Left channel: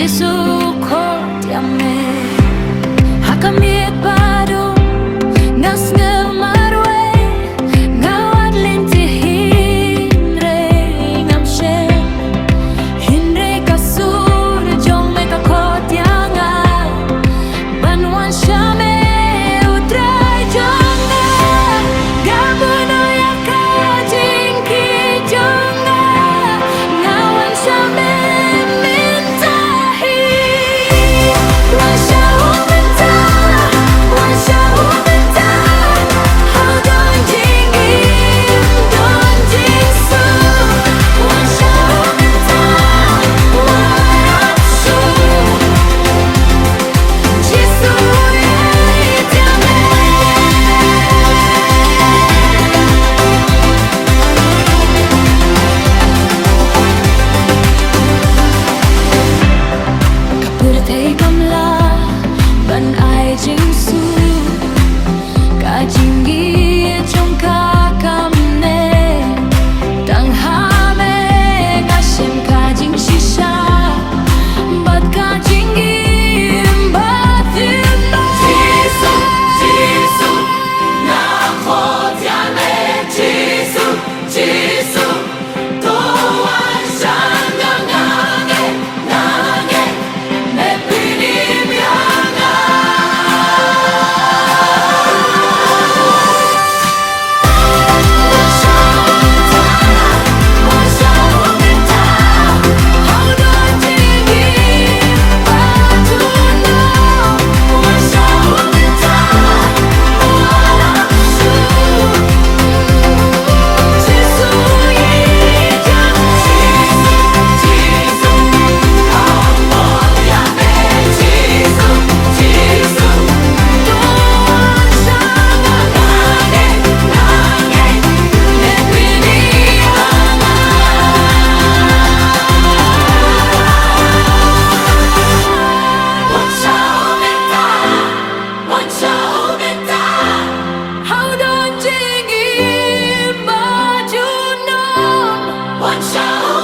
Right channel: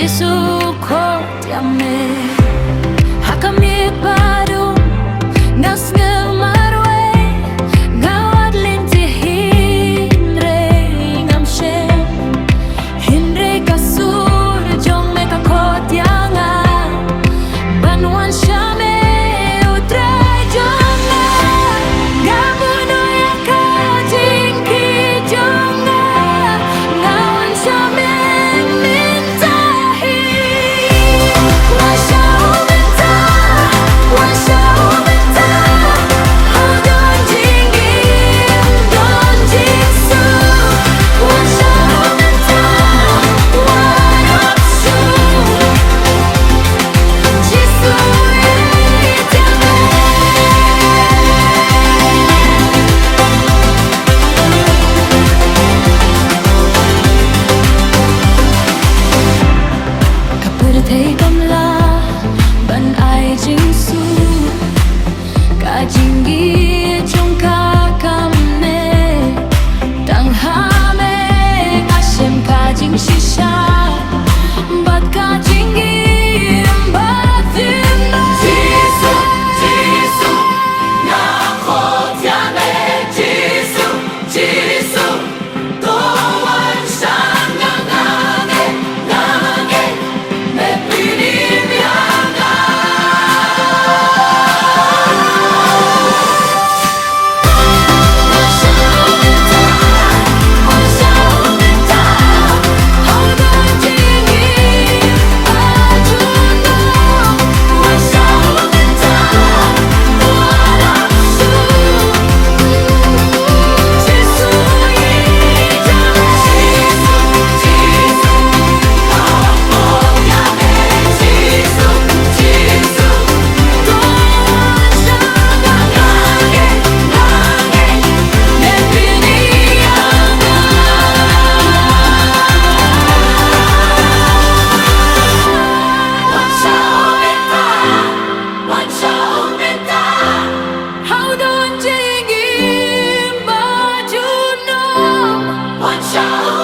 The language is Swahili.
Jesu kotiame hakamit baru ngas ngemarwe ngawat lintihin re ngamshe hinre kasur jong me kakotianga banwan shame utray jonga gabuno yakajinki jonga ngawan shame thấy cầm la ban ai chính su cả chính ghi trong cả cầm nè tang ha me ngã xem cả chính shisha bắt cả chính ghi bắt thêm Jesu, Jesu, na khotiame Jesu, Jesu, toan sang ngange, ngange, me pinim yanga. Wan shao menta, how don jingi bajuno. Wan shao menta, wala shu. Jesu yijame, Jesu, Jesu, khotiame Jesu, Jesu, toan sang ngange, ngange, me pinim yanga. Wan shao menta, how don jingin bajunom. Wan shao